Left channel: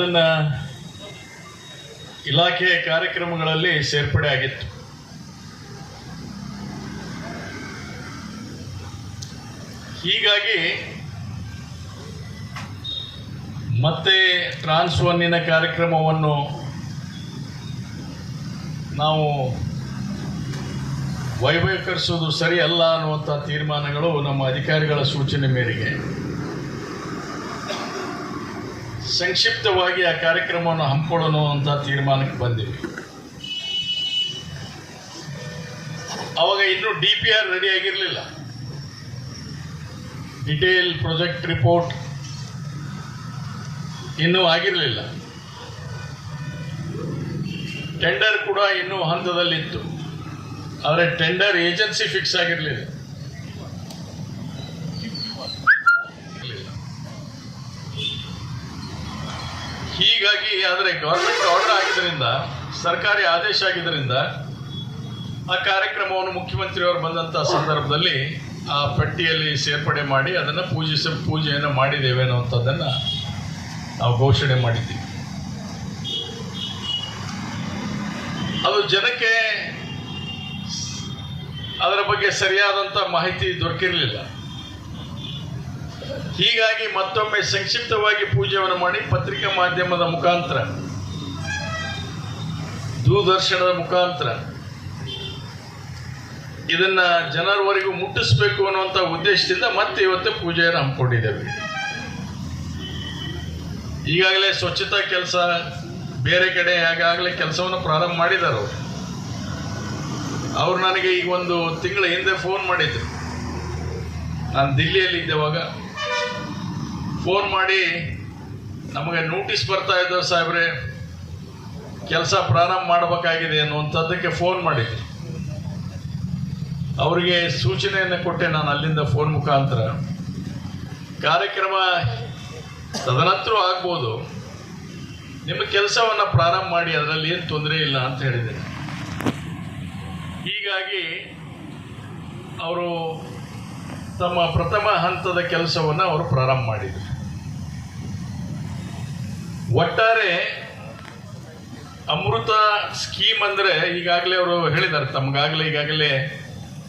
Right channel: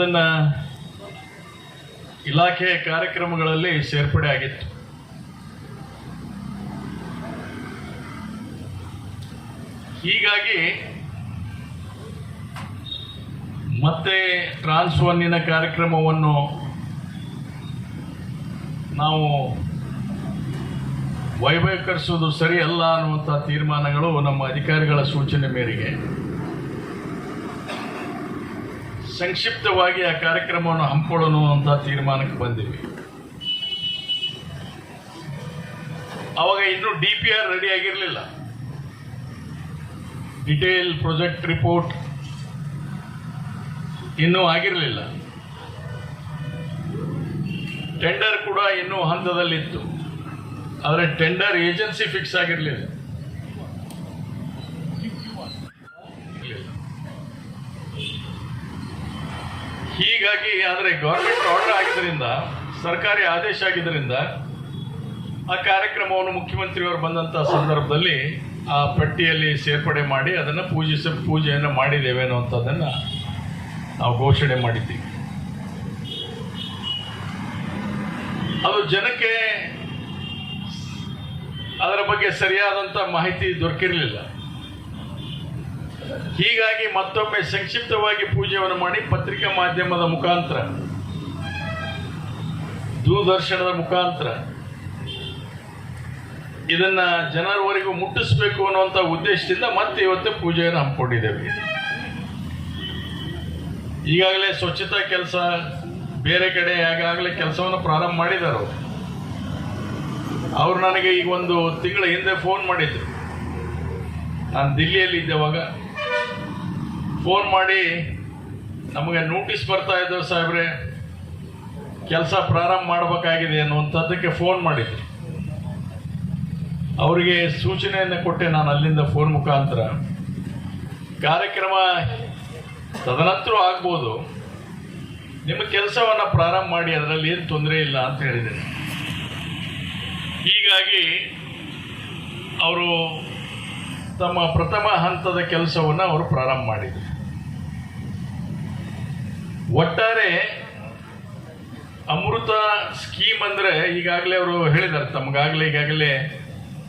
ಅದನ್ನ ಇಲಾಖೆಯ ಕಾರ್ಯಕ್ರಮಗಳಲ್ಲಿ ಸೇರ್ಪಡೆ ಆಗಿತ್ತು. ಹೀಗಾಗಿ ಮತ್ತೆ ಟ್ರಾನ್ಸ್ ಒನ್ನಿನ ಕಾರ್ಯಕ್ರಮವನ್ನು ನಾವು ವೈಭವೀಕರಿಸುವುದು ಸರಿಯಲ್ಲ ಅನ್ನುವಂಥ ತೀರ್ಮಾನಗಳು ನಮ್ಮ ಅಧಿಕಾರಿಗಳ ಸೂಚನೆ ಮೇರೆಗೆ. ಸಂಕ್ಷಿಪ್ತವಾಗಿ ಆ ಕಾರ್ಯಕ್ರಮವನ್ನು ಹಮ್ಮಿಕೊಳ್ಳೋಣ ಅಂತ ತೀರ್ಮಾನಕ್ಕೆ ಬಂದಿವಿ. ಅವಾಗ ಇನ್ನೂ ಡಿ ಪಿ ಆರ್ ರೆಡಿ ಆಗಿರಲಿಲ್ಲ. ಡಿಟೇಲ್ ಪ್ರೊಜೆಕ್ಟ್ ರಿಪೋರ್ಟ್ ಇನ್ನೂ ಆಗಿರಲಿಲ್ಲ. ಟೆಂಡರ್ ಕೂಡ ಇನ್ನೂ ಹಂತದಲ್ಲಿತ್ತು. ಆದರೆ ಟೆಂಡರ್ ಏಜೆನ್ಸಿ ಫಿಕ್ಸ್ ಆಗಿರಲಿಲ್ಲ. ಹೀಗಾಗಿ ಆದರೆ ಗೌರ್ಮೆಂಟ್ ಆರ್ಡರ್ ಆಗಿದ್ದರಿಂದ, ಸರ್ಕಾರಿ ಆದೇಶ ಆಗಿದ್ದರಿಂದ, ಆ ಕಾರ್ಯಕ್ರಮವನ್ನು ಮುಖ್ಯಮಂತ್ರಿಯವರು ಬಂದಂಥ ಸಂದರ್ಭದಲ್ಲಿ ಆ ಪಟ್ಟಿಯಲ್ಲಿ ಸೇರ್ಪಡೆ ಮಾಡಿ ಅದನ್ನು ಪೂಜಿಸ, ಪೂಜೆಯನ್ನು ಮಾಡಿದ್ದೇವೆ ಅನ್ನುವಂಥದ್ದನ್ನು ನಾವು ಘೋಷಣೆ ಮಾಡಿದ್ದೀವಿ. ಅದು ಜನಕ್ಕೆ, ಅದರ ಬಗ್ಗೆ ಸರಿಯಾದಂಥ ಮಾಹಿತಿ ದೊರಕಿರಲಿಲ್ಲ. ಹೀಗಾಗಿ ಮತ್ತೊಮ್ಮೆ ಸಂಕ್ಷಿಪ್ತವಾಗಿ ಪೂಜೆಯನ್ನು ಮಾಡಿ ಪತ್ರಿಕಾ ಮಾಧ್ಯಮದ ಮುಖಾಂತರ. ದೂರದರ್ಶನದ ಮುಖಾಂತರ. ಇದನ್ನ ಜನರವರೆಗೂ ಮುಟ್ಟಿಸಬೇಕು ಅನ್ನುವಂಥ ಉದ್ದೇಶದಿಂದ ಮತ್ತೆ ಇವತ್ತು ಪೂಜೆಯನ್ನು ಹಮ್ಮಿಕೊಂಡಿದ್ದೇವೆ. ಈಗಾಗಲೇ ಸ್ವಚ್ಛತಾ ಕೆಲಸ ಬೇರೆ ಕಡೆ ಆಗಾಗಲೇ ಕೆಲಸವನ್ನು ಪ್ರಾರಂಭ ಮಾಡಿದ್ದಾರೆ ಅವರು ಅವ್ರು ನನಗೆ ಈಗ ಒಂದು ತಿಂಗಳ ಹಿಂದೆ ಫೋನ್ ಮಾಡಿದ್ರು. ನಾನು ದಿಲ್ಲಿಯಲ್ಲಿ ಇದ್ದೆವಾಗ ಫೋನ್ ಮಾಡಿ ನಮಗೆ ನೋಟಿಸ್ ಬರ್ತಾ ಇದ್ದವು ಸಾಹೇಬ್ರೆ. ಕೆಲಸ ಪ್ರಾರಂಭ ಮಾಡಬೇಕಾಗಿದೆ ಅನ್ನುವಂಥದ್ದಕ್ಕೆ ಫೋನ್ ಮಾಡಿದ್ವಿ ಅವರಿಗೆ ಸೂಚನೆಯನ್ನು ಕೊಟ್ಟೆ ನಾನು ಅಲ್ಲಿಂದ ಫೋನ್ ಮುಖಾಂತರ. ಕಾರ್ಯಕ್ರಮ ತದನಂತರ ಆಗ್ಬೋದು. ನಿಮ್ಮ ಕೆಲಸವನ್ನು ಪ್ರಾರಂಭ ಮಾಡಿ, ಅದರಲ್ಲಿ ಏನು ತೊಂದರೆ ಇಲ್ಲ ಅಂತ ಹೇಳಿದ್ದೇನೆ. ಹೀಗಾಗಿ, ಅವರು ತಮ್ಮ ಪ್ರಥಮ ಹಂತದ ಕೆಲಸವನ್ನು ಅವರು ಪ್ರಾರಂಭ ಮಾಡಿದರು. ಒಟ್ಟಾರೆ ಅಮೃತ ಸ್ಕೀಮ್ ಅಂದರೆ ಈಗಾಗಲೇ ಅವರು ಹೇಳಿದ್ದಾರೆ. ತಮಗಾಗಲೇ ಈಗಾಗಲೇ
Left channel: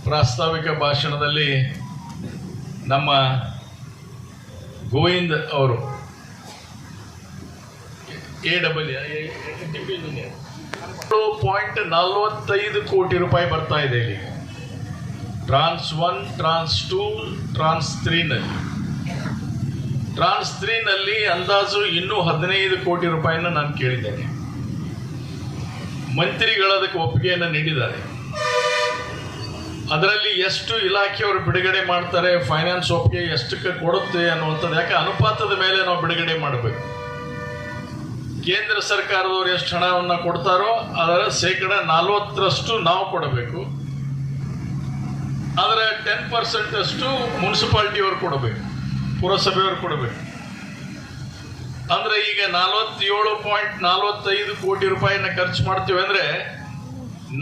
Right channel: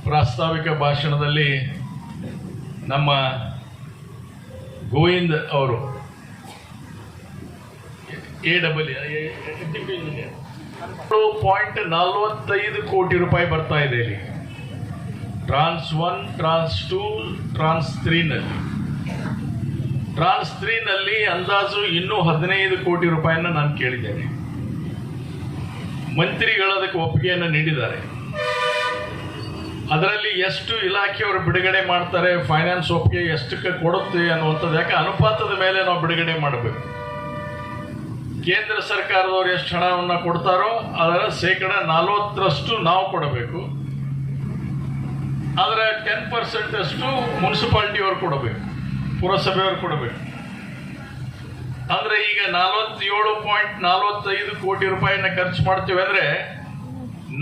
ಪ್ರಾಸ್ತಾವಿಕ ಭಾಷಣದಲ್ಲಿ ನಮ್ಮ ಗೋವಿಂದ್ ಅವರು ಎ ಡಬಲ್ ಪಾಯಿಂಟ್ ನಲವತ್ತೈದು ಕೋಟಿ ರೂಪಾಯಿ ಬರ್ತಾ ಇದೆ ಇಲ್ಲಿ. Trans one trans two trans ತ್ರೀನಲ್ಲಿ trans ತ್ರೀನಲ್ಲಿ ಅಂದಾಜು ಇನ್ನೂ ಹದಿನೈದು ಕೋಟಿ ರೂಪಾಯಿಯನ್ನು ನಾನು ಕೇಳಿದ್ದೇನೆ. ಮಂತ್ರಿಗಳು ಅದಕ್ಕೆ ಒಪ್ಪಿಗೆಯನ್ನು ನೀಡಿದ್ದಾರೆ. ಅದರಲ್ಲಿ ಎಷ್ಟು ಇಲಾಖೆಯವರು ಬಿಡುಗಡೆ ಮಾಡ್ತಾರೆ ಫೈನಾನ್ಸ್ ಒಪ್ಪಿಗೆ ಎಷ್ಟಕ್ಕೆ ಕೊಡುತ್ತೆ ಅನ್ನುವಂಥದ್ದು ಯಾಕೆ ಅನುಪಾತದ ಮೇಲೆ ನಾವು ಬಿಡುಗಡೆ ಮಾಡಬೇಕು? ಕೇಂದ್ರ ಸರ್ಕಾರದವರು ಎಷ್ಟು ಹಣವನ್ನು ಕೊಡ್ತಾರೋ ಅದರ ಶೇಕಡ ನಲ್ವತ್ತರಷ್ಟು ನಾವು ಕೊಡಬೇಕು. ಅದರ ಟೆನ್ ಪರ್ಸೆಂಟ್ ಅಷ್ಟು ಮುನ್ಸಿಪಾಲ್ಟಿಯವ್ರು ಕೊಡಬೇಕು, ಪುರಸಭೆಯವರು ಕೊಡಬೇಕು. ಅಂದ್ರೆ ಈಗ ನಲವತ್ತೇಳು ಪಾಯಿಂಟ್ ನಲವತ್ತೈದು ಕೋಟಿ ರೂಪಾಯಿನ ಖರ್ಚು ಮಾಡ್ತೀವಿ ಅಂದ್ರೆ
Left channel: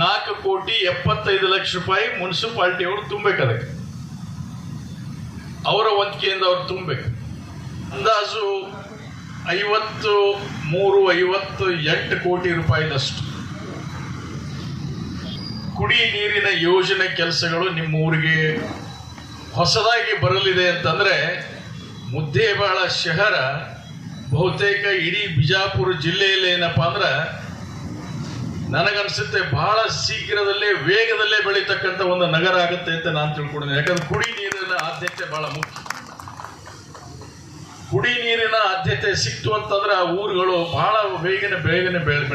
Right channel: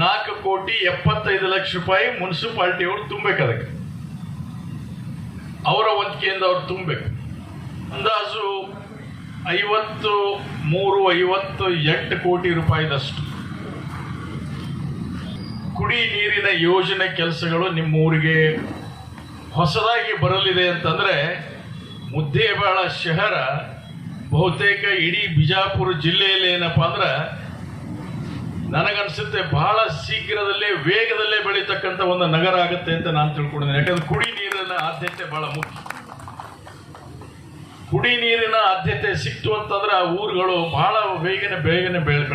ನಾಲ್ಕು ಕೋಟಿ ಎಪ್ಪತ್ತೈದು ಲಕ್ಷ ರೂಪಾಯಿ ಮುನ್ಸಿಪಾಲ್ಟಿಯವರು ತುಂಬಬೇಕು ಅದಕ್ಕೆ. ಅವರ ವಂತಿಕೆಯಿಂದ ಅವ್ರು ತುಂಬಬೇಕು ಅಂದಾಜು ಐವತ್ತು ಮೂರು ಐವತ್ತು ಎಂಟು ಕೋಟಿ ರೂಪಾಯಿದಷ್ಟು. ಕುಡಿ ನೀರಿನ ಯೋಜನೆ ಕೆಲಸಗಳು ನಿಮ್ಮ ಊರಿಗೆ ಹೊಸದಾಗಿ ಬರಲಿದೆ ಅಂತಂದರೆ ಮುದ್ದೇಬಾಳ ಶಹರ ಬಹುತೇಕ ಇಡೀ ಬಿಜಾಪುರ ಜಿಲ್ಲೆಯಲ್ಲಿ ಏನಪ್ಪ ಅಂದ್ರೆ ನನಗನ್ಸುತ್ತೆ ಬಹಳ ಶೀಘ್ರದಲ್ಲೇ ವೇಗದಲ್ಲೇ ಬೆಳೀತಕ್ಕಂಥ ಒಂದು ನಗರ ಆಗುತ್ತೆ ಅಂತ ನಾನು ತಿಳ್ಕೊಂಡಿದ್ದೆ ಯಾಕಂದ್ರೆ ಕುಡಿ ನೀರಿನ ಆದ್ಯತೆ ಬಹಳ ಮುಖ್ಯ. ಕುಡಿ ನೀರಿನ ಆದ್ಯತೆ ಸಿಕ್ತು ಅಂತಂದ್ರೆ ಆ ಊರುಗಳು ಬಹಳ ವೇಗನ ಬೇಗನೆ ಬೆಳೆ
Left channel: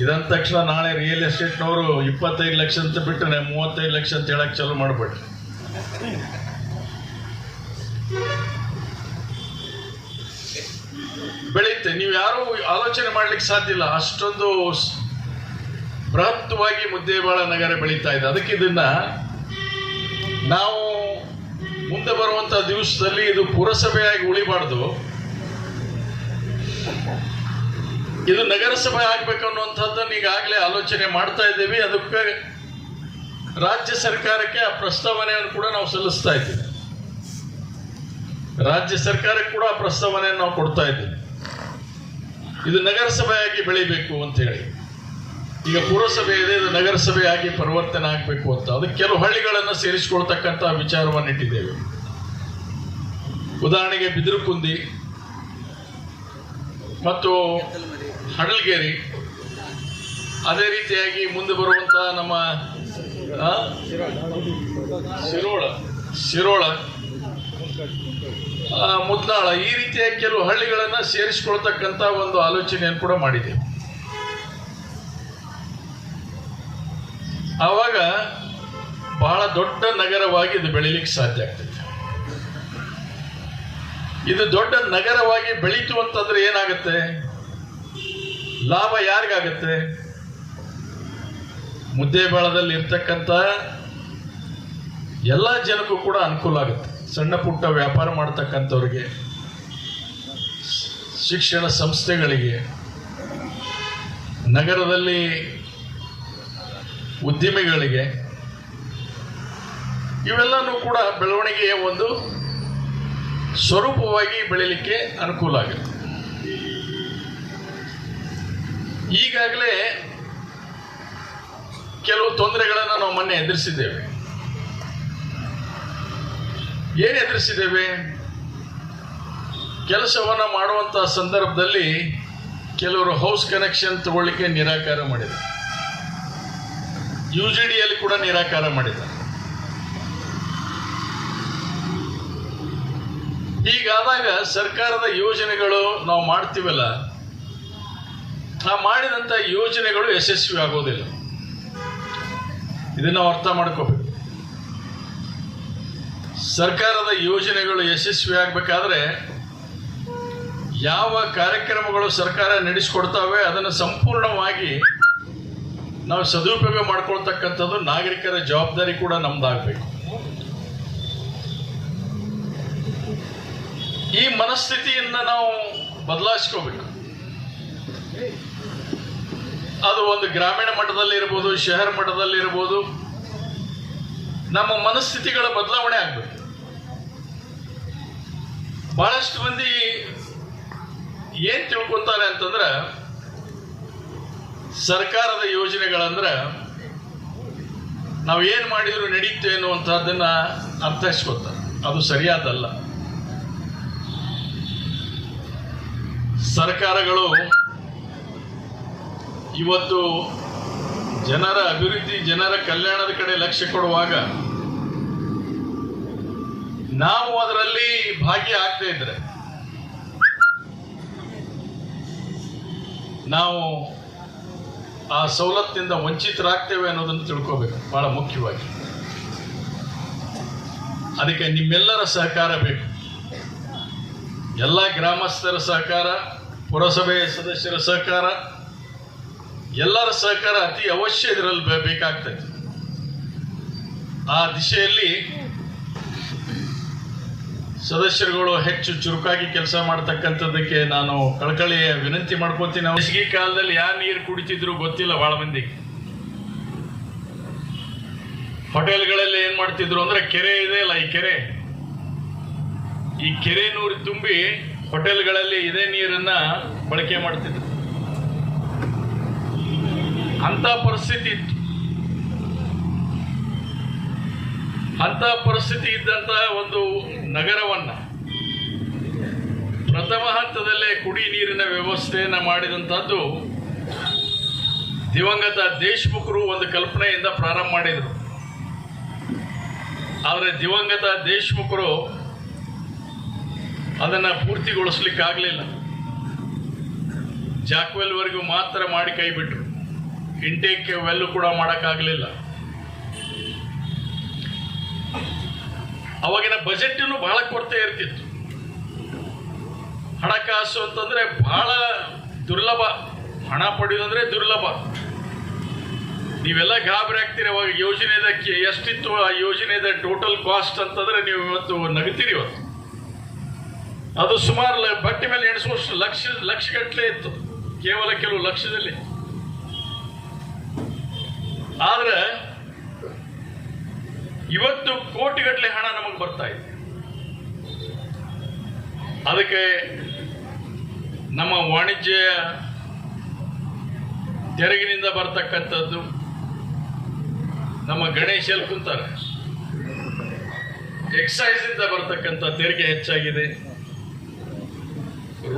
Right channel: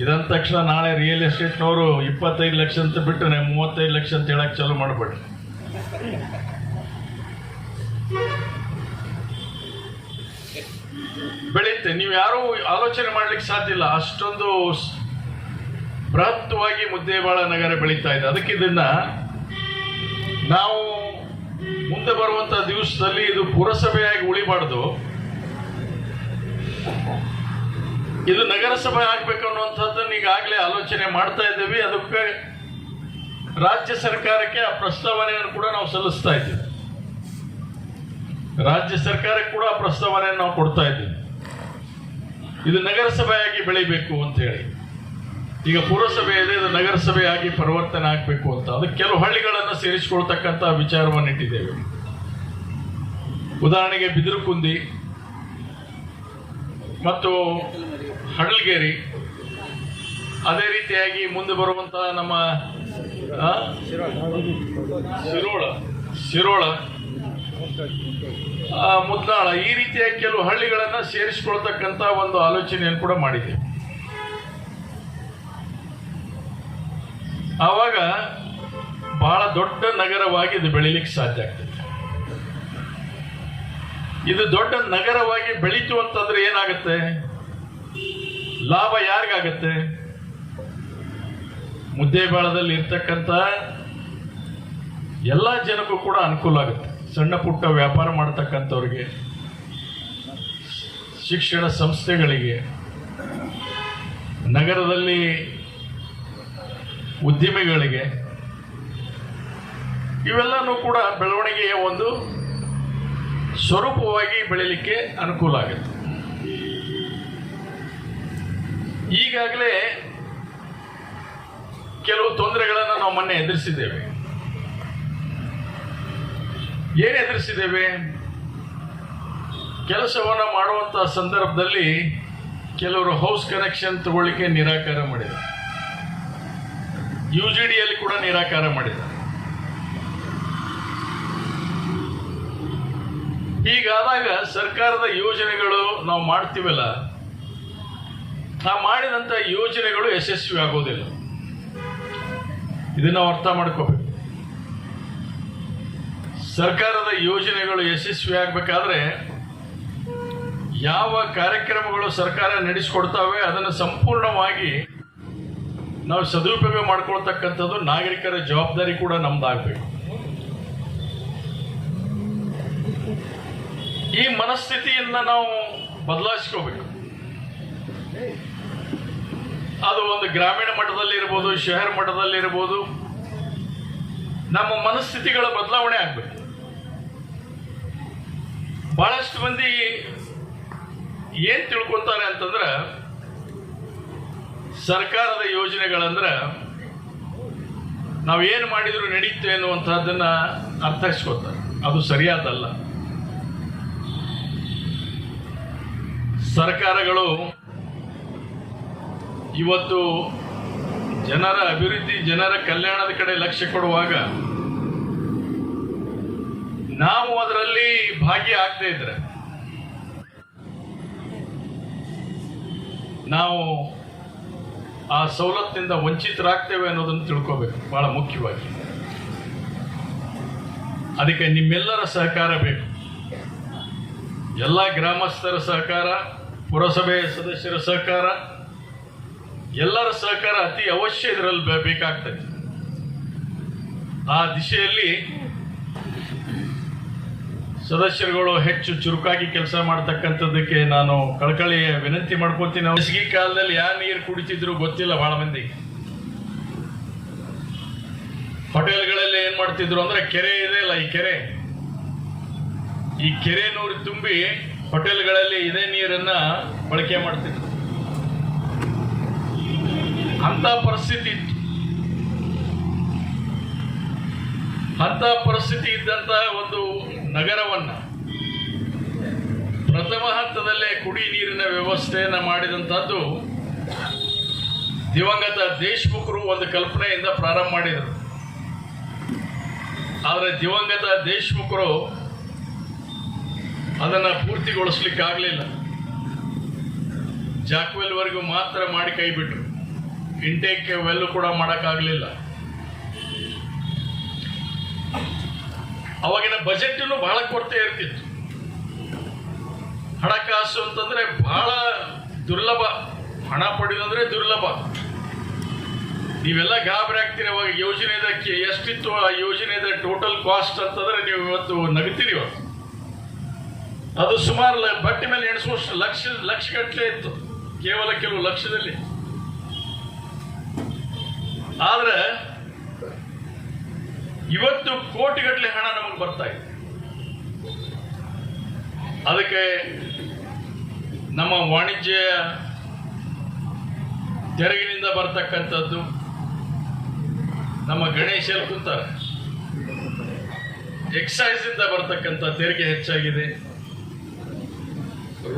ಇದಂದ ತಕ್ಷಣ ನಾಳೆ ರಿಯಲ್ ಎಸ್ಟೇಟ್ನವರು ಇಪ್ಪತ್ತೈದು ಲಕ್ಷ ಅಂತ ಬಿಟ್ಟರೆ ಮೂವತ್ತೈದು ಲಕ್ಷ ಅಂತ ಹೇಳಕ್ಕೆ ಚಾಲು ಮಾಡಬೇಡ್ರಿ ಬೆಳೆಯುತ್ತೆ ನೀವು ಯಾರೂ ಆಲೋಚನೆ ಮಾಡ್ಲಿಕ್ಕೆ ಸಾಧ್ಯ ಇಲ್ಲ. ಅಷ್ಟೊಂದು ಬೃಹತ್ವಾಗಿ ಮುದ್ದೇಬಾಳ ನಗರ ಬೆಳೀತಾ ಇದೆ. ಅದಕ್ಕೆ ಇದನ್ನ ನಾವು ಮುಂದೆ ಬರುವಂತ ದಿವಸದಲ್ಲಿ ಇದು ಪುರಸಭೆಯಾಗಿ ಉಳಿಬಾರ್ದು. ಇದು ನಗರಸಭೆ ಆಗ್ಬೇಕು ಅನ್ನುವಂಥದ್ದನ್ನು ಈಗಾಗಲೇ ಆಲೋಚನೆ ಮಾಡ್ತಾ ಇದ್ದೀವಿ. ಅದಕ್ಕೆ ರಾಜ್ಯ ಸರ್ಕಾರಕ್ಕೆ ಆ ಪ್ರಸ್ತಾವನೆಯನ್ನು ಕೂಡ ನಾವು ಸಲ್ಲಿಸ್ತಾ ಇದ್ದೀವಿ. ರಾಜ್ಯ ಸರ್ಕಾರಕ್ಕೆ ಕೂಡ ಆ ಪ್ರಸ್ತಾವನೆಯನ್ನು ನಾವು ಕೊಡ್ತಾ ಇದ್ದೀವಿ. ಇದು ನಗರಸಭೆಯಾಗಿ ಬೆಳಿಬೇಕು ಅಂತ ಹೇಳಿ. ಈಗ ಪುರಸಭೆ ಇದೆ ಇದು ನಗರಸಭೆಯಾಗಿ ಪರಿವರ್ತನೆ ಆಗಬೇಕು ಅಂತ. ಅದಕ್ಕೆ ಕೆಲವು ಹಳ್ಳಿಗಳನ್ನು ಸೇರಿಸಿಕೊಳ್ತಕ್ಕಂಥ ವಿಚಾರವನ್ನು ಇಟ್ಟಿದ್ದೇವೆ. ಉದಾಹರಣೆಗೆ ಬಿದಿರುಕುಂದಿ ಮತ್ತು ಹಡಲ್ಗೇರಿ. ಅದೇ ರೀತಿಯಾಗಿ ಮುಂದೆ ಬರುವಂತಹ ನಮ್ಮ? ಶಿರೋಳ. ಶಿರೋಳ. ಮುದ್ದಾಳ ಈ ರೀತಿಯ ಕೆಲವು ಹಳ್ಳಿಗಳನ್ನು ಸೇರಿಸಿಕೊಳ್ತಕ್ಕಂಥ ಒಂದು ಆಲೋಚನೆಯನ್ನು ಕೂಡ ಮಾಡಿದೆ. ಆವಾಗ ಬಹಳ ದೊಡ್ಡ ನಗರವಾಗಿ ಇದು ಬೆಳೀಲಿಕ್ಕೆ ಸಾಧ್ಯ ಆಗ್ತದೆ. ಇದು ದೊಡ್ಡ ನಗರವಾಗಿ ಬೆಳೀತು ಅಂತಂದ್ರೆ ಏನಾಗುತ್ತೆ? ಲಾಭ ಯಾರಿಗಾಗತ್ತೆ? ಮುದ್ದೇಬೇಳದಲ್ಲಿ ಇರ್ತಕ್ಕಂಥ ಎಲ್ಲ ಜನಕ್ಕೂ ಕೂಡ ಅನುಕೂಲ ಆಗುತ್ತೆ. ಸಣ್ಣ ಪುಟ್ಟ ವ್ಯಾಪಾರ ಮಾಡ್ತಕ್ಕಂಥವ್ರಿಗೆ, ಶಿಕ್ಷಣ ಸಂಸ್ಥೆಗಳಿಗೆ, ನಗರದಲ್ಲಿ ಉದ್ಯಮಿಗಳಿಗೆ, ಇವೆಲ್ಲನೂ ಕೂಡ ಬೆಳವಣಿಗೆಯ ಒಂದು ಸ್ವರೂಪವಾಗಿ ಬೆಳೀಲಿಕ್ಕೆ ಅನುಕೂಲ ಆಗುತ್ತೆ. ಈಗಾಗಲೇ ಕೆಲವು ತೊಂದರೆಗಳನ್ನು ನಾವು ಮೊನ್ನೆ ಎದುರಿಸಿದ್ದೇವೆ. ಏನು ಎದುರಿಸಿದ್ದೇವೆ? ಕೆಲಸವನ್ನು ಮಾಡುವಂಥ ಸಂದರ್ಭದಲ್ಲಿ ಕೆಲವರು ಹೌಸ್ ಕನೆಕ್ಷನ್ ತಗೊಳ್ಳಿಕ್ಕೆ ನಿರಾಕಾರ ಮಾಡಿದರು ಯು ಜಿ ಡಿಯಲ್ಲಿ ಕೂಡ ನಿರಾಕಾರ ಮಾಡಿದ್ದಾರೆ. ಈಗಾದಾಗ ಸರ್ಕಾರದ ಯೋಜನೆಗಳು ನಾವು ಮಾಡ್ತೀವಲ್ಲ ನಾವು ಮಾಡಿದಂಥ ಯೋಜನೆಗಳು ಯಶಸ್ವಿ ಆಗೋದಿಲ್ಲ. ಇದನ್ನ ಅರ್ಥ ಮಾಡ್ಕೋಬೇಕು. ಸರ್ಕಾರದ ಯೋಜನೆಗಳು ಯಶಸ್ವಿ ಆಗಬೇಕಾದ್ರೆ ಯಾವ ಕಾರ್ಯಕ್ರಮಗಳು ಸರ್ಕಾರ ನಡೆಸಿಕೊಡ್ತಾವೆ ಅದನ್ನು ಸಂಪೂರ್ಣವಾಗಿ ನಾವು ಸದುಪಯೋಗ ಮಾಡ್ಕೊಳ್ತಕ್ಕಂಥದ್ದು ನಾಗರಿಕರ ಜವಾಬ್ದಾರಿ ಕೂಡ ನಮ್ದಾಗಬೇಕು. ಈ ಮನಸ್ಥಿತಿಯನ್ನು ನಾವು ಬದಲಾಯಿಸ್ಕೋಬೇಕು. ಅದು ಒಂದು ಗ್ರಾಮೀಣ ಮಟ್ಟದಲ್ಲಿ ಇರ್ಬೋದು, ಶಹರ್ ಮಟ್ಟದಲ್ಲಿ ಇರ್ಬೋದು. ನಮ್ಮ ಮನಸ್ಥಿತಿಗಳ ಬದಲಾವಣೆ ಆಗಬೇಕು. ಬಹಳಷ್ಟು ಮಂದಿ ಏನ್ ತಿಳ್ಕೊತಾರೆ ಅಂತಂದ್ರ, ಸರ್ಕಾರದ ಯೋಜನೆಗಳಂದ್ರ ನಾವು ಏನು ಮಾಡಿದ್ರು ನಡೀತು ಎನ್ನುವಂತಹದನ್ನ ಅರ್ಥೈಸ್ಕೋತಾರೆ. ಅದು ಸರಿಯಾದಲ್ಲ. ಸರ್ಕಾರಗಳು ಇವತ್ತು ಜನರ ಅಭಿವೃದ್ಧಿ, ಜನರ ಕಲ್ಯಾಣದ ಕಡೆ ಲಕ್ಷ್ಯ ಕೊಡುವಾಗ ನಾವು ಅದರಲ್ಲಿ ಭಾಗಿಯಾಗದೇ ಇದ್ರೆ, ನಾವು ಆ ಸವಲತ್ತಿನಿಂದ ವಂಚಿತರಾಗ್ತೇವೆ ಅನ್ನೋದನ್ನು ತಿಳ್ಕೋಬೇಕು, ಬಹಳ ಮುಖ್ಯವಾಗಿ. ಅದಕ್ಕೆ ನಿಮ್ಮೆಲ್ಲರ ಸಹಕಾರ ಬೇಕು. ಎಲ್ಲ ಗ್ರಾಮಸ್ಥರ ಸಹಕಾರ, ಪುರಸಭೆ ಸದಸ್ಯರ ಸಹಕಾರ ಎಲ್ಲರ ಸಹಕಾರ ಅತಿ ಅವಶ್ಯ ಇದರಲ್ಲಿ ಬೇಕಾಗ್ತದೆ. ಆ ದಿಶೆಯಲ್ಲಿ ಸದಸ್ಯರುಗಳು ಹೆಚ್ಚು ಚುರುಕಾಗಿ ಕೆಲಸ ಮಾಡ್ತಕ್ಕಂಥದ್ದಕ್ಕೆ ನಾನು ಕಳಕಳಿ ವಿನಂತಿ ಮಾಡ್ಕೋತೀನಿ. ಬೇಸಿಗೆ ಕಾಲದಲ್ಲಿ ಯಾರು ನೀರು ಕುಡಿತಿದ್ರು ಗೊತ್ತಿಲ್ಲ ಬಹಳ ಮಂದಿ. ಹೋಟೆಲ್ಗಳಲ್ಲಿ ಏನ್ ಮಾಡ್ತಿದ್ರು ಅಂದ್ರೆ ಕೆರೆ ಇದೆ ಅಲ್ಲ, ಈ ಕೆರೆ. ಈ ಕೆರೆ ನೂರು ತುಂಬಿ ಹೋಟೆಲ್ಗಳಲ್ಲಿ ಇದೇ ನೀರನ್ನ ಬಳಕೆ ಮಾಡ್ತಿದ್ರು. ಅಂತ ಪರಿಸ್ಥಿತಿ ಇತ್ತು. ಅಂತ ಪರಿಸ್ಥಿತಿ ಇದ್ದಂತ ಒಂದು ನಗರವನ್ನ ಪ್ರಥಮ ಹಂತದಲ್ಲೇ ಕುಡಿ ನೀರಿನ ವ್ಯವಸ್ಥೆಯನ್ನು ಮಾಡಿದಂಥದ್ದು ದಿವಂಗತ ದೇಶಮುಖರು ಒಂದು ಕಲ್ಪನೆಯಿಂದ ಪ್ರಾರಂಭ ಮಾಡಿದರು. ಆದರೆ ದಿವಂಗತ ದೇಶಮುಖರು ಅದನ್ನ ಪೂರ್ತಿಗೊಳಿಸ್ಲಿಕ್ಕೆ ಆಗಲಿಲ್ಲ ಜಾಕ್ವೆಲ್ವರೆಗೂ ಮಾತ್ರ ಮಾಡಿ ಕೈ ಬಿಟ್ರು. ಇಂಟೇಕ್ ವೆಲ್ ಕೂಡ ಮಾಡೋಕ್ಕಾಗಲಿಲ್ಲ. ಅವಾಗಿನ ಬಜೆಟ್ ಬಹಳ ಕೊರತೆ ಇರ್ತಿತ್ತು. ಹಣಕಾಸು ಅಂತಂದ್ರೆ ಬಹಳ ದುರ್ಲಭ. ಹಣ ಪಡೆಯೋದಂದ್ರೆ ದುರ್ಲಭ. ನೀವೆಲ್ಲ ಗಾಬರಿ ಆಗ್ತೀರಿ ಅವಾಗ ಯೋಜನೆದ ಎಷ್ಟಿತ್ತು ಆ ಯೋಜನೆದ ಟೋಟಲ್ ಕಾಸ್ಟ್ ಅಂತಂದ್ರೆ ನೀವು ಇವತ್ತು ನಗುತ್ತೀರಿ ಇವತ್ತು. ಅದು ಸುಮಾರು ಬಟ್ಟೆ ಮೇಲೆ ಎಣಿಸುವಷ್ಟು ಲಕ್ಷ ಲಕ್ಷ ಗಟ್ಟಲೆ ಇತ್ತು. ಕೇವಲ ಕೆಲವು ಲಕ್ಷದಲ್ಲಿ. ಆದ್ರೆ ಇವತ್ತು ಕೋಟಿಗಟ್ಟಲೆ ಹಣ ನಮಗೆ ಬರ್ತಾ ಇದೆ. ಅದಕ್ಕೆ ನಮ್ಮ ವಾಣಿಜ್ಯ ತೆರಿಗಿನಿಂದ ಬರ್ತಕ್ಕಂಥದ್ದು ನಮ್ಮ ಎಲ್ಲಿ ಕುಂತಾರೆ. ಎಕ್ಸೈಸ್ ಇಂದ ಬರ್ತಕ್ಕಂಥ ತೆರಿಗೆ ಹೆಚ್ಚಾಗಿದೆ.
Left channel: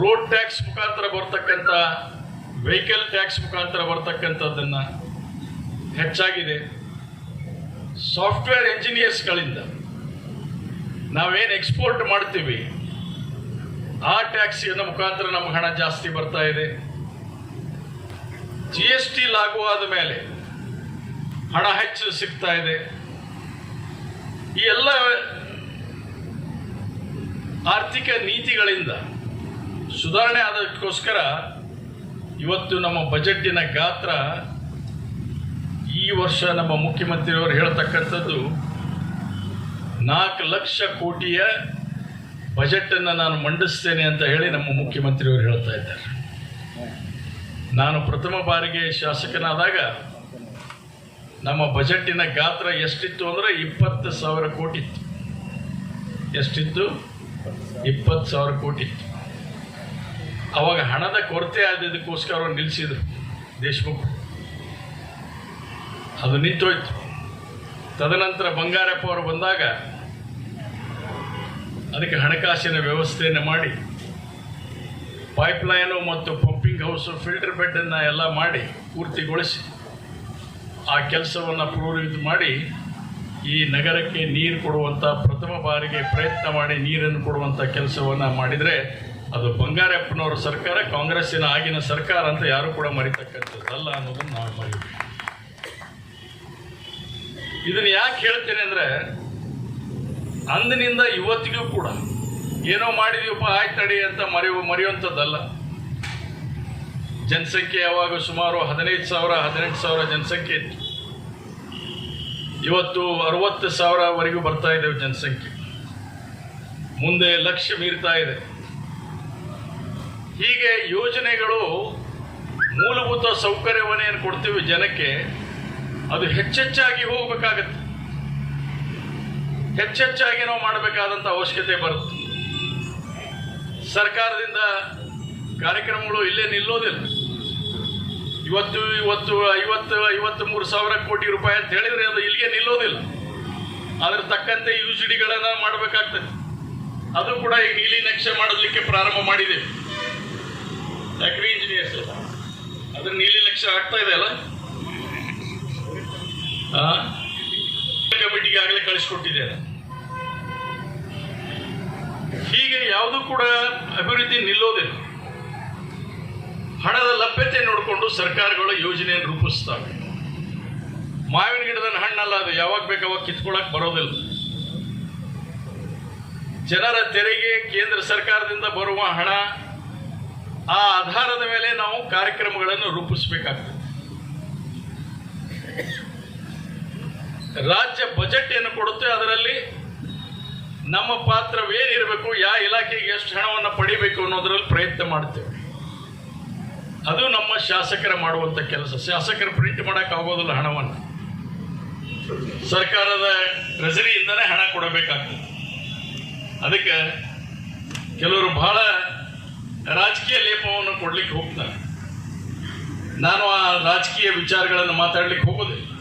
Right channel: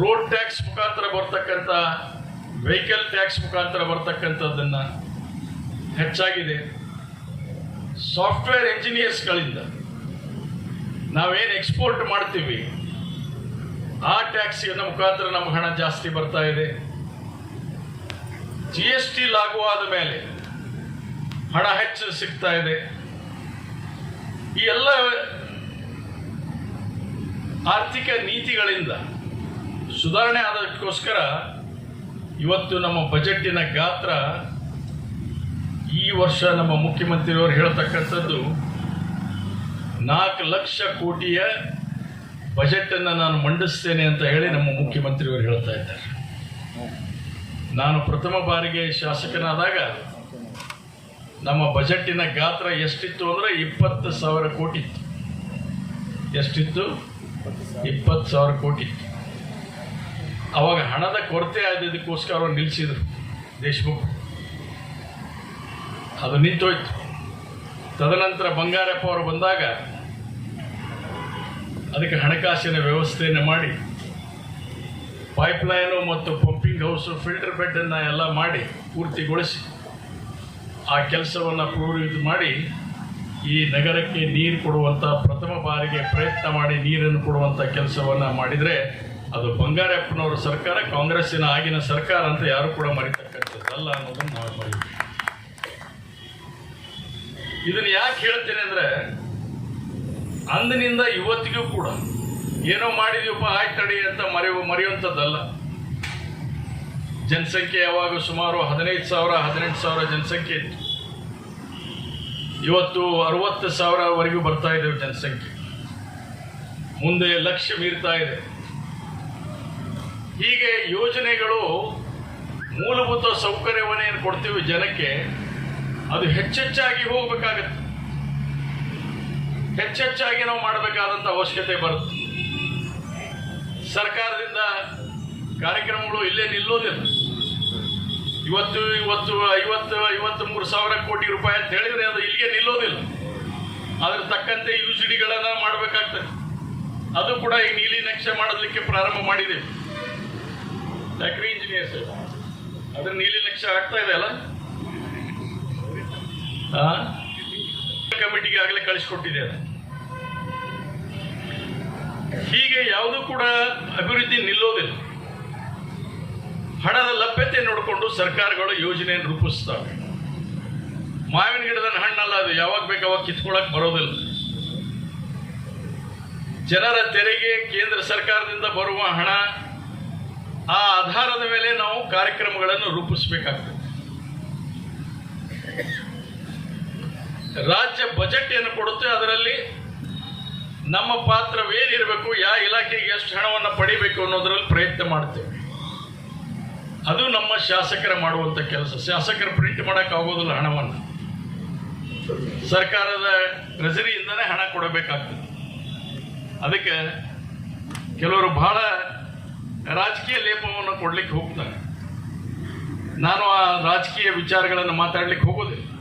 ರೋಡ್ ಟ್ಯಾಕ್ಸ್ ಮುಖಾಂತರ ಬರ್ತಕ್ಕಂಥ ವೆಹಿಕಲ್ ಟ್ಯಾಕ್ಸ್ ಮುಖಾಂತರ ಬರ್ತಕ್ಕಂಥದ್ದನ್ನ ಹೆಚ್ಚಾಗಿದೆ. ಸಾಫ್ಟ್ವೇರ್ ಇಂಜಿನಿಯರ್ಸ್ಗಳಿಂದ ನಾವೇನು ಎಕ್ಸ್ಪೋರ್ಟ್ ಮಾಡ್ತೀವಿ, ಆ ಟ್ಯಾಕ್ಸಿಯನ್ನು ಮುಖಾಂತರ ನಮ್ಗೆ ಹಣ ಜಾಸ್ತಿ ಬರ್ತಾ ಇದೆ. ಜಿ ಎಸ್ ಟಿ ಲಾಗುವಾದ ಮೇಲೆ ಹಣ ಹೆಚ್ಚು ಸಿಗ್ತಾ ಇದೆ. ಈ ಎಲ್ಲ ಆರ್ಥಿಕ ನೀತಿಗಳಿಂದ ಸುಧಾರಣೆ ಆದಕ್ಕೋಸ್ಕರ ಇವತ್ತು ನಮ್ಮ ಬಜೆಟ್ಟಿನ ಗಾತ್ರ ಈ ವರ್ಷ ನಮ್ಮ ಮುಖ್ಯಮಂತ್ರಿಯವರು ಹೇಳ್ತಕ್ಕಂಥದ್ದು ನಾಲ್ಕು ಲಕ್ಷ ಕೋಟಿಯ ಬಜೆಟನ್ನು ನಾನು ಮಂಡಿಸ್ತೇನೆ ಅಂತ ಹೇಳಿ ನಮ್ಮ ಮುಖ್ಯಮಂತ್ರಿಯವರು ಹೇಳ್ತಾ ಇದ್ದಾರೆ. ನಾನು ಪ್ರಥಮ ಬಾರಿಗೆ ಶಾಸಕನಾದಾಗ ನಮ್ಮ ಬಜೆಟ್ಟಿನ ಗಾತ್ರ ಎಷ್ಟಿತ್ತು ಅಂದರೆ ಇಪ್ಪತ್ತು ಸಾವಿರ ಕೋಟಿ ಇತ್ತು. ಎಷ್ಟಿತ್ತು? ಇಪ್ಪತ್ತು ಸಾವಿರ ಕೋಟಿ ಇತ್ತು. ಅವಾಗ ಹಣದ ಕೊರತೆ ಆದದಕ್ಕೋಸ್ಕರ ನಿಲ್ಲಿಸಿದ್ರು ದೇಶಮುಖ್. ಅದು ನಿಂತೋಯ್ತು. ತದನಂತರ ಬಂಗಾರಪ್ಪ ಅವರು ಬಂದಾಗ ಅದಕ್ಕೆ ಹಣಕಾಸಿನ ವ್ಯವಸ್ಥೆಯನ್ನು ಮಾಡಿ ಪೈಪ್ಲೈನು ಮತ್ತು ಪಂಪಿಂಗ್ ಹೌಸು ಫಿಲ್ಟರ್ ಬೆಡ್ಡನ್ನು ಎಲ್ಲ ಮಾಡಿ ಪೂರ್ತಿಗೊಳಿಸಿ, ಆ ಕೆಲಸವನ್ನು ಪೂರ್ವಿತ ಮಾಡಿ, ಈ ನಗರಕ್ಕೆ ನೀರು ಕೊಡುವಂಥ ಪ್ರಥಮ ಬಾರಿಗೆ ಪ್ರಯತ್ನ ಮಾಡಿ ನೀರನ್ನು ಕೊಡುವಂಥ ಕೆಲಸವನ್ನು ಮಾಡಿದರೆ ಅದು ಬಂಗಾರಪ್ಪನವರ ಸರ್ಕಾರ, ಕಾಂಗ್ರೆಸ್ಸಿನ ಆಗಿನ ಸರ್ಕಾರ ಅಂತ ಯಾರು ಕೂಡ ಮರಿತಕ್ಕಂಥದ್ದಲ್ಲ ಅನ್ನೋದನ್ನು ನಾವು ಮರಿಬೇಕು. ಇದನ್ನು ಯಾಕೆ ಹೇಳ್ತೇನೆ ಅಂದ್ರೆ, ಅಂದಿನಿಂದ ಇವತ್ತಿಗೂ ಕೂಡ ಏನೋ ಮಾಡಿದೀವಪ್ಪ ಆಯ್ತು ಅಂತ ಮರೆಯುವ ಮರೆಯುವಂಥದ್ದಲ್ಲ. ಜನಸಂಖ್ಯೆ ಯಾವಾಗ ಸುಮಾರು ಹದಿನೈದು ಸಾವಿರ, ಹದಿನೆಂಟು ಸಾವಿರ ಜನಸಂಖ್ಯೆ ಇತ್ತು. ಇವತ್ತು ಅರವತ್ತು ಸಾವಿರವರೆಗೂ ಬರ್ತಾ ಇದ್ದೇವೆ ಜನಸಂಖ್ಯೆ. ಮುಂದೆ ಲಕ್ಷ ಮೀರ್ತಾ ಇದೆ. ಹೀಗೆ ಯೋಜನೆಗಳು ಮೂಲಭೂತ ಸೌಕರ್ಯವನ್ನೇನು ಕೊಡ್ತೀವಿ ಜನಕ್ಕೆ? ಅದು ಹೆಚ್ಚೆಚ್ಚಾಗಿ ಹೋಗ್ಬೇಕಾಗತ್ತೆ. ಹೆಚ್ಚೆಚ್ಚಾಗಿ ನಾವು ಮಾಡಬೇಕಾದಂಥ ಅವಶ್ಯಕತೆ ಬರುತ್ತೆ. ಸರ್ಕಾರದಿಂದ ಕಾರ್ಯಕ್ರಮಗಳು ಇಲ್ಲೇ ನಿಲ್ಲೋದಿಲ್ಲ ಇವತ್ತು ಇವತ್ತು, ಐವತ್ತು ಐವತ್ತು ಮೂರು ಸಾವಿರ ಕೋಟಿ ರೂಪಾಯಿ ಅಂತ ಹೇಳಿದ್ರೆ ಅದು ಇಲ್ಲಿಗೆ ನಿಲ್ಲೋದಿಲ್ಲ ಅದ್ರ ತಕ್ಕಂತೆ ಯು ಸಿ ಡಿಗಳನ್ನು ಮಾಡಬೇಕಾಗ್ತದೆ. ಅದು ಕೂಡ ಈ ನೀಲಿ ನಕ್ಷೆ ಮಾಡೋದಕ್ಕೆ ಪ್ರಾರಂಭ ಮಾಡಿದೆ. ಅಗ್ರಿ ಇಂಜಿನಿಯರ್ಸ್ ಅದು ನೀಲಿ ನಕ್ಷೆ ಆಗ್ತಾ ಇದೆ ಅಲ್ಲ? ಕಮಿಟಿಗೆ ಆಗಲೇ ಕಳಿಸ್ಕೊಟ್ಟಿದ್ದೇನೆ. ಹೀಗೆ ಯಾವುದು ಕೂಡ ಅಭಿವೃದ್ಧಿ ನಿಲ್ಲೋದಿಲ್ಲ. ಹಣದ ಲಭ್ಯತೆ ನೋಡಿಕೊಂಡು ಸರ್ಕಾರಗಳು ಯೋಜನೆಯನ್ನು ರೂಪಿಸ್ತವೆ. ಮಾವಿನ ಗಿಡದ ಹಣ್ಣಲ್ಲ, ಅದು ಯಾವಾಗ ಬೇಕು ಅವಾಗ ಕಿತ್ಕೊಳ್ಳಕ್ ಬರೋದಿಲ್ಲ. ಜನರ ತೆರಿಗೆ ಕೇಂದ್ರ ಸರ್ಕಾರದಿಂದ ಬರುವ ಹಣ, ಆ ಆಧಾರದ ಮೇಲೆ ನಾವು ಕಾರ್ಯಕ್ರಮಗಳನ್ನು ರೂಪಿಸಬೇಕಾಗ್ತದೆ. ರಾಜ್ಯ ಬಜೆಟ್ ಏನು ಕೊಡುತ್ತೆ ಅದರಲ್ಲಿ ನಮ್ಮ ಪಾತ್ರವೇನಿರಬೇಕು, ಯಾವ ಇಲಾಖೆಗೆ ಎಷ್ಟು ಹಣವನ್ನು ಪಡಿಬೇಕು ಅನ್ನೋದ್ರಲ್ಲಿ ಪ್ರಯತ್ನ ಮಾಡ್ತೇವೆ. ಅದು ನಮ್ಮ ಶಾಸಕರ ಮಾಡುವಂಥ ಕೆಲಸ. ಶಾಸಕರು ಪ್ರಿಂಟ್ ಮಾಡೋಕ್ಕಾಗೋದಿಲ್ಲ ಆಗೋದಿಲ್ಲ ಹಣವನ್ನು. ಸರ್ಕಾರದ ಟ್ರೆಸರಿಯಿಂದನೇ ಹಣ ಕೊಡಬೇಕಾಗ್ತದೆ. ಅದಕ್ಕೆ ಕೆಲವರು ಬಹಳ ರಾಜಕೀಯ ಲೇಪವನ್ನು ಕೊಡ್ಲಿಕ್ಕೆ ಹೋಗ್ತಾರೆ. ನಾನು ಆ ರಾಜಕೀಯ ವಿಚಾರಗಳನ್ನು ಮಾತಾಡ್ಲಿಕ್ಕೆ ಹೋಗೋದಿಲ್ಲ.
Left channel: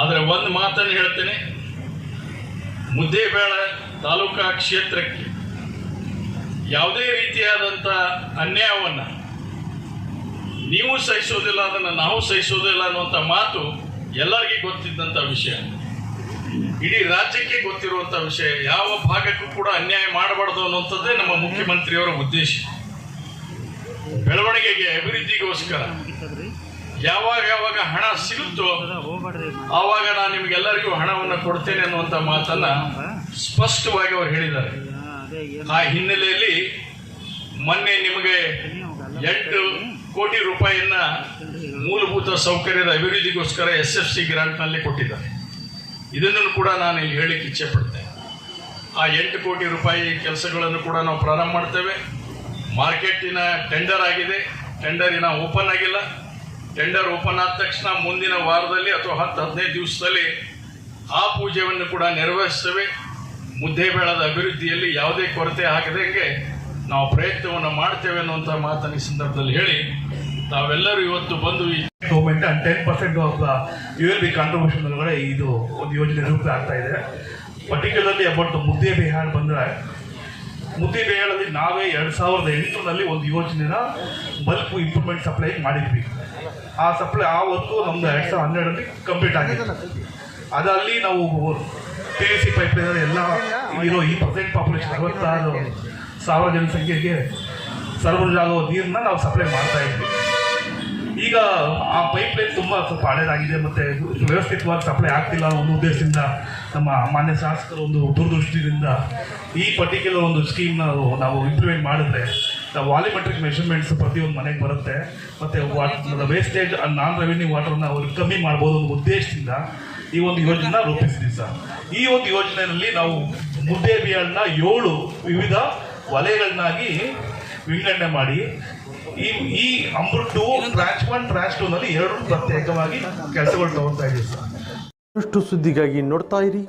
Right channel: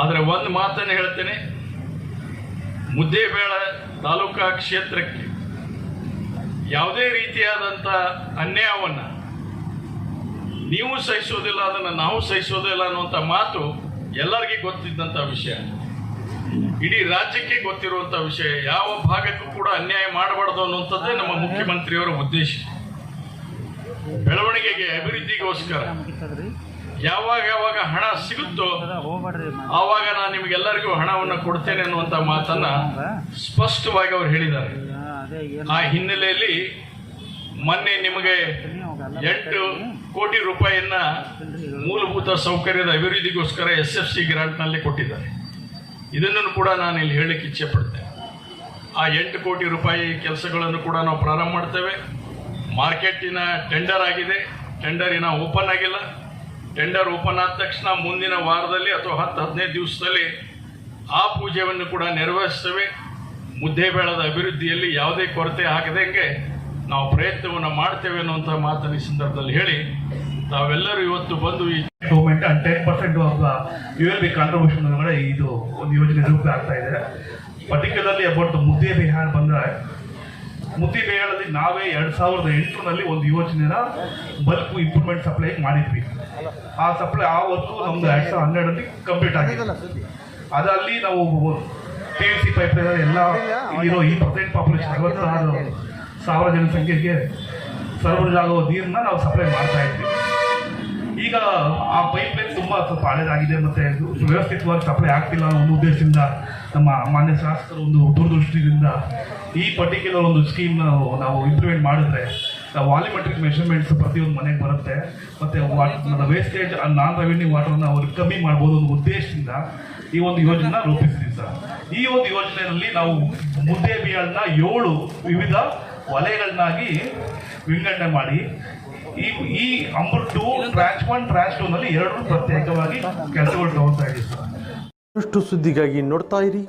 ಆದರೆ ಒಂದು ಮಾತನ್ನು ಹೇಳ್ತೇನೆ. ಮುದ್ದೇಬೇಳ ತಾಲೂಕಾ ಕ್ಷೇತ್ರಕ್ಕೆ ಯಾವುದೇ ರೀತಿಯಾದಂಥ ಅನ್ಯಾಯವನ್ನು ನೀವು ಸಹಿಸೋದಿಲ್ಲ, ಅದನ್ನು ನಾವು ಸಹಿಸೋದಿಲ್ಲ ಅನ್ನುವಂಥ ಮಾತು ಎಲ್ಲರಿಗೂ ಗೊತ್ತಿದ್ದಂಥ ವಿಷಯ. ಇಡೀ ರಾಜ್ಯಕ್ಕೆ ಗೊತ್ತಿರುವಂಥ ವಿಷಯ, ಯಾವ ಭಾಗಕ್ಕೂ ಕೂಡ ಅನ್ಯಾಯ ಮಾಡಬಾರ್ದು ಅನ್ನುವಂಥದ್ದೇ ನಮ್ಮ ಮುಖ್ಯಮಂತ್ರಿಯವರ ಉದ್ದೇಶ. ಬೆಳವಣಿಗೆಗೆ ಅಭಿವೃದ್ಧಿಗೋಸ್ಕರ. ಯಾವಾಗ ಯಾವಾಗ ಹಣ ಸಿಗುತ್ತೋ ಆವಾಗ ನಾನು ನಿಮಗೆಲ್ಲರಿಗೂ ಹಣವನ್ನು ಕೊಡ್ತೇನೆ ಅನ್ನುವಂಥ ಮಾತನ್ನ ಸ್ಪಷ್ಟವಾಗಿ ಅವರು ಹೇಳಿದ್ದಾರೆ. ಆ ಹಿನ್ನೆಲೆಯಲ್ಲಿ ಮೊನ್ನೆ ನಿಮಗೆ ಎಂಟು ಕೋಟಿ ರೂಪಾಯಿಯನ್ನ ಮೂಲಭೂತ ಸೌಕರ್ಯದ ಅಭಿವೃದ್ಧಿಗೋಸ್ಕರ ಎಸ್ ಎಫ್ ಸಿ ಗ್ರಾಂಟ್ನಲ್ಲಿ ಕೊಟ್ಟಿದ್ದಾರೆ. ಇದನ್ನು ಕೂಡ ನಾನು ಇಲ್ಲಿ ಹೇಳಿಕ್ಕೆ ಇಚ್ಛೆ ಪಡ್ತೇನೆ ಆ ಎಂಟು ಕೋಟಿ ರೂಪಾಯಿ ಕೆಲಸಗಳನ್ನು ಕೂಡ ನಾವು ಪ್ರಾರಂಭ ಮಾಡ್ತೇವೆ. ಮಾರ್ಕೆಟಿನ ಟೆಂಡರ್ ಆಗಿದೆ. ಟೆಂಡರಿನ ಓಪನ್ ಆಗಿಲ್ಲ. ಟೆಂಡರ್ ಓಪನ್ ಆದ ತಕ್ಷಣ ಮುಂದಿನ ವಾರದಲ್ಲಿ ಅಥವಾ ಹತ್ತು, ಹದಿನೈದು ದಿವಸದಲ್ಲಿ ಆ ಪೂಜೆಯನ್ನು ಕೂಡ ನೆರವೇರಿಸ್ತೇವೆ. ಮುದ್ದೇಬೇಳದ ಅಭಿವೃದ್ಧಿಯಲ್ಲಿ ಯಾವುದೇ ಕೊರತೆ ಆಗದಂಗೆ ನಾವು ಪ್ರಯತ್ನವನ್ನು ಮಾಡ್ತೇವೆ ಅನ್ನುವಂಥ ಮಾತನ್ನು ಈ ಸಂದರ್ಭದಲ್ಲಿ ಹೇಳಿ, ತಾವೆಲ್ಲರೂ ಇವತ್ತು ಬಂದು ಈ government and ten percent of U L B contribution ಇದು ಒಂದು ಯೋಜನೆ ರೂಪ ಆಗ್ತಾ ಇದೆ. ಪರ್ಟಿಕ್ಯುಲರ್ಲಿ ಅಬೌಟ್ ಮುದ್ದೆ ಬಿಹಾರ್ ಬಂದರೆ ಮುದ್ದೆ ಮೇಳದಲ್ಲಿ ನಾವೇ ಎರಡು ಸಾವಿರದ ಎಂಟರಲ್ಲಿ ಒಂದು ಯೋಜನೆನ ಬಲ್ಕ್ ಇಂಪ್ರೂವ್ಮೆಂಟ್ ಸಪ್ಲೈ ಮಾಡಿದ್ವಿ. ಆ ಸಪ್ಲೈ ಆ ಹೊತ್ತು ನಮ್ದು ಎರಡು ಸಾವಿರದ ಹನ್ನೆರಡರಲ್ಲಿ ಕಂಪ್ಲೀಟ್ ಆಗಿದೆ. ಅದರಲ್ಲಿ ನಾವು ಟಿ ಸಿ ಪೈಪ್ ಎಲ್ಲ ಇಲ್ಲಿರೋ ಈ ಪರ್ಸೆಂಟ್ ಪಾಪ್ಯುಲೇಷನ್ ಅರವತ್ತಾರು ಸಾವಿರ ಜನಸಂಖ್ಯೆಗೆ ಆಗೋ ನೀರನ್ನ ನಾವು ಸಪ್ಲೈ ಮಾಡ್ತಾ ಇದ್ವಿ. ಈಗ ಆ ಪೈಪ್ ಲೈನ್ ತುಂಬಾ ಸ್ವಲ್ಪ ಹಳೇದಾಗಿದೆ ಮತ್ತೆ ವ್ಯವಸ್ಥಿತವಾಗಿ ಸಪ್ಲೈ ಆಗ್ತಿಲ್ಲ ಅನ್ನೋ ಉದ್ದೇಶದಿಂದ ನಮ್ಮ ಮಾನ್ಯ ಶಾಸಕರ ಒಂದು ದೂರದೃಷ್ಟಿಯಿಂದ ಈ ಪರ್ಟಿಕ್ಯುಲರ್ ಒಂದು ಸ್ಕೀಮ್ ನಾವು ಇಂಪ್ಲಿಮೆಂಟ್ ಮಾಡಿದ್ರೆ ವಾಲಿಮೆಟ್ರಿಕ್ ಮೆಷರ್ಮೆಂಟ್ಸ್ ಪ್ರತಿಯೊಂದು ಮನೆಗೆ ಬರುತ್ತೆ. ಮತ್ತೆ ವೇಸ್ಟೇಜ್ ನಾನ್ ರೆವಿನ್ಯೂ ವಾಟರ್ನ ಅವ್ರಿಗೆ ಕಮ್ಮಿ ಮಾಡ್ಬೋದು ಅನ್ನೋ ಉದ್ದೇಶದಿಂದ ಈ ಒಂದು ಯೋಜನೆ ರೂಪಿಸಿದ್ವಿ ಸರ್. ಈ ಒಂದು ಯೋಜನೆಯಲ್ಲಿ ನಾವು ಮುದ್ದೆ ಬಿಯನ್ನ ಏಳು ವಿವಿಧ ವಲಯಗಳನ್ನಾಗಿ ವಿಂಗಡಣೆ ಮಾಡಿ ಈ ಈ Amrit two trans one trans two ನಲ್ಲಿ ಎರಡು ಪ್ರತ್ಯೇಕವಾಗಿ ಕೆಲಸಗಳು ತಗೊಳ್ತಾ ಇದೆ ಸರ್. ಅಷ್ಟು ಸುದ್ದಿಗಾಗಿ ನೋಡ್ತಾ ಇರಿ.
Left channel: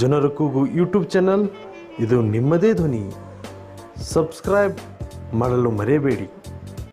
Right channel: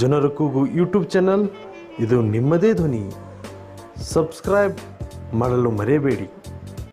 ಜನರ ಕೂಗು ಯೂಟ್ಯೂಬ್ ಚಾನಲ್ ಇದು ನಿಮ್ಮದೇ ಧ್ವನಿ. ಸಬ್ಸ್ಕ್ರೈಬ್ ಮಾಡಲು ಮರೆಯಬೇಡಿ.